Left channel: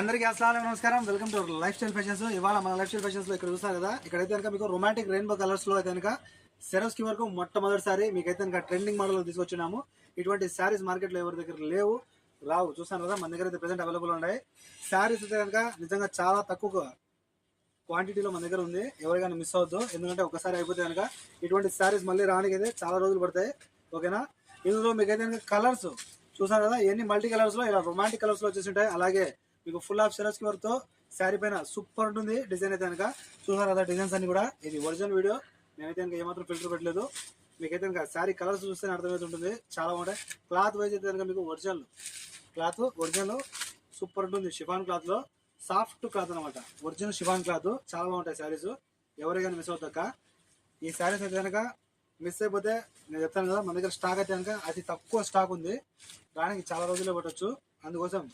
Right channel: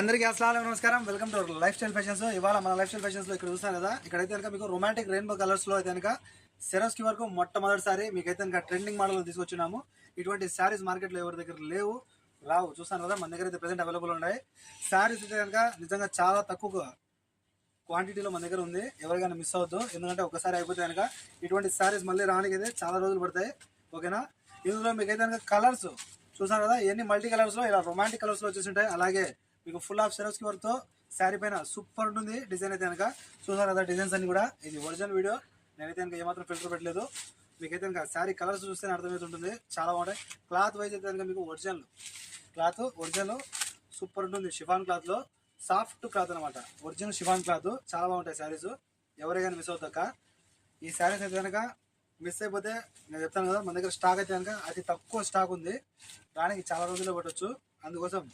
అందరికీ అస్సలాము నమస్కారం. Welcome to life style fashions. ఇవాళ మన లైఫ్ స్టైల్ ఫ్యాషన్స్ లో ఇక్కడ చూస్తారు కదా, ఇక్కడైతే కనుక మీకు రొమాంటిక్ రెయిన్బో కలర్స్ లో అయితే కనుక సెరోస్కి వరకు మొట్టమొదటిసారి మీకైతే కనుక ట్రెండింగ్ మోడల్ తీసుకొచ్చినాము. ఇటువంటి శారీస్ మార్కెట్ లో ఎవరి దగ్గర లేవు, రావు. చూస్తాను కదా, మన దగ్గర అయితే ప్రెసెంట్ అవైలబుల్ ఉన్నాయి. శారీస్ అయితే కనుక నిజంగా చాలా తక్కువ క్వాంటిటీలో మన దగ్గర ఉంది. ఎవరికైనా మిస్ అవద్దు, ఎందుకంటే ఒకసారి అయిపోతే కనుక ఇటువంటి శారీస్ మళ్ళీ రానికి అయితే చాలా రోజులు పడతాయి. ఓకేనా? ఇందులో మీకైతే కనుక కలర్స్ చూసారు కదా, ఇవన్నీ మల్టీ కలర్స్ లో ఇలా రొమాంటిక్ కలర్స్ లో వచ్చేసి ఉంటాయి. అలాగే మీకు ఫుల్ ఆఫ్ సెరోస్కి వర్క్ తో శారీ పైన సూపర్ ఉంటుంది డిజైన్ అయితే కనుక. చూసారు కదా డిజైన్స్ అన్ని కూడా. ఇది ఒరిజినల్ వీడియో, నేనైతే కనుక ఏమాత్రం ఫిల్టర్ పెట్టలేదు. మీకైతే కనుక శారీ కలర్స్ చూస్తే అర్థమవుతుంటుంది, చాలా బాగుంటాయి. క్లాత్ వైజ్ అయితే కనుక మీకు ఒరిజినల్ సూపర్ ఉంటుంది. షిఫాన్ క్లాత్ లో సాఫ్ట్ క్లాత్ అనమాట, ఒరిజినల్ షిఫాన్ క్లాత్. చాలా బాగుంటాయి శారీస్, ఎవరైనా మిస్ అవుతాక. ఈ శారీస్ అయితే కనుక మిస్ అయిపోతే నేను చెప్తాను కదా, మన దగ్గర స్టాక్ అయితే కనుక అతి తక్కువ స్టాక్ ఉంది, దానికి చాలా రోజుల్లో పట్టవచ్చు. అందుకోసం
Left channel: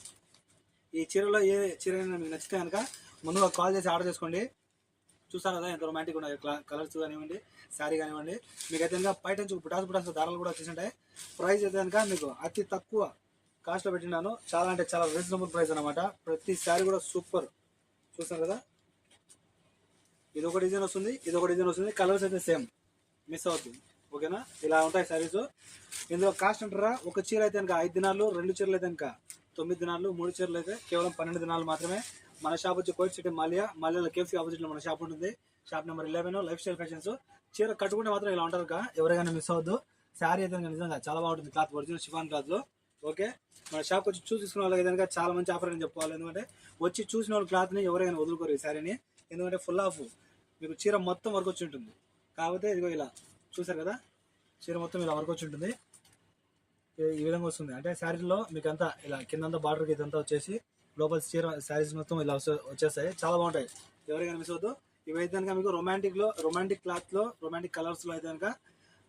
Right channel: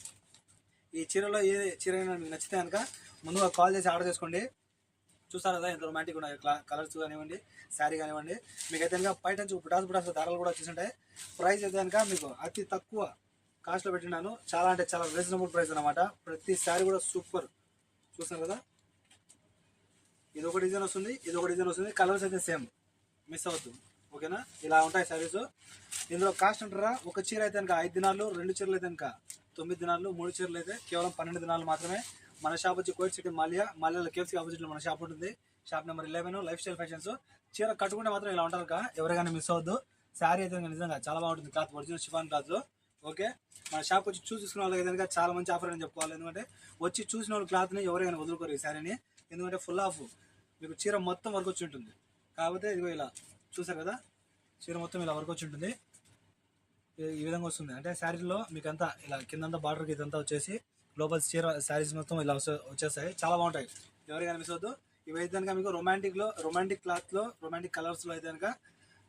ఈ చీరలో ఏ చీర అయినా మీకు నచ్చితే కనుక ముందుగా కాల్ చేసి ఆర్డర్ చేసుకోండి. చూస్తారు కదా ఎంత రొమాంటిక్ ఉన్నాయి కలర్స్ కానివ్వండి, శారీ కానివ్వండి. మీకైతే కనుక బయట నుంచి పుటాసు దారాలు కూడా వచ్చేసి ఉంటాయి. ప్రైస్ అయితే కనుక మీకు అతి తక్కువ కాస్ట్లో పెట్టినాను. చాలా అంటే చాలా రీజనబుల్ ప్రైస్ అనమాట. ప్రతి శారీ కూడా సూపర్. చూస్తారు కదా, ఇది ఒక డిజైన్ వస్తుంది, కలర్స్ అయితే సేమ్, మిస్ అవుతుంది. ఓకేనా? ఇలా ఉంటాయి శారీస్. ఇందులో కాస్ట్ అంటారా, ఒక చీర అయితే కనుక 5 దినాలు, 2 చీరలు అయితే కనుక 9 దినాలు, 3 చీరలు అయితే కేవలం 12 దినాలు మాత్రమే. మన షాప్ వచ్చి కోయిట్ సిటీ మాల్యాలో కేఎఫ్సీ ఆపోజిట్ లో మన షాప్ ఉంటుంది. Shop number 11 life style fashions. చీర కట్టుకుంటే మాత్రం ఇలా ఉంటారు కదా, ఎవరైనా మిస్ అవద్దు. శారీ అయితే నిజంగా చాలా బాగుంటుంది, క్లాత్ ఒరిజినల్ షిఫాన్ క్లాత్ లో. ఓకే, మన షాప్ వచ్చి చూసి తీసుకున్న వాళ్ళకి కనుక చాలా మంచి ఆఫర్ అని చెప్పుకోవాలి. ఎందుకంటే వచ్చి చూసిన వాళ్ళ క్లాత్ ని ఎవరైనా వదులుకోరు ఈ శారీని, ఎందుకంటే ఫుల్ ఆఫ్ మీకు చీర మొత్తం వర్క్ వచ్చి ఉంటుంది. కాకపోతే ఇదిగో ఇలా చూసారు కదా, చీర మొత్తం ఇలా వర్క్ వచ్చి ఉంటుంది. ఈ విధంగా వస్తుంది. అంటే శారీలో మీకు అంతా ఇలా కిందంతా బార్డర్కి ఇదంతా వచ్చేసి లోపల చీర శారీస్ మొత్తం ఇలా వచ్చేస్తాయి. చాలా బాగుంటాయి, ఎవరికైనా మిస్ అవద్దు. ఇవైతే కనుక మీకు రొమాంటిక్ క్లాత్ లో, రొమాంటిక్ కలర్స్ లో అయితే కనుక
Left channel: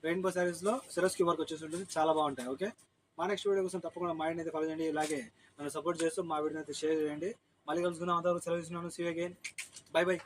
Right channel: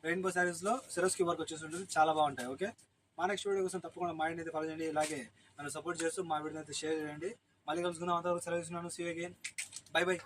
రెయిన్బో శారీస్ లో సెరోస్కి వర్క్ వచ్చేసి ఉంటుంది. చాలా బాగుంటాయి. ఓకే, మా నెక్స్ట్ వీడియో కోసం తప్పకుండా మా వీడియో అయితే ఫాలో చేయండి. ఇలాగే నన్ను సపోర్ట్ చేస్తూ మా వీడియో అయితే షేర్ చేయండి. మళ్ళీ కలుసుకుందాం. అంతవరకు సెలవు ఇస్తున్నాను. See you again. Bye by.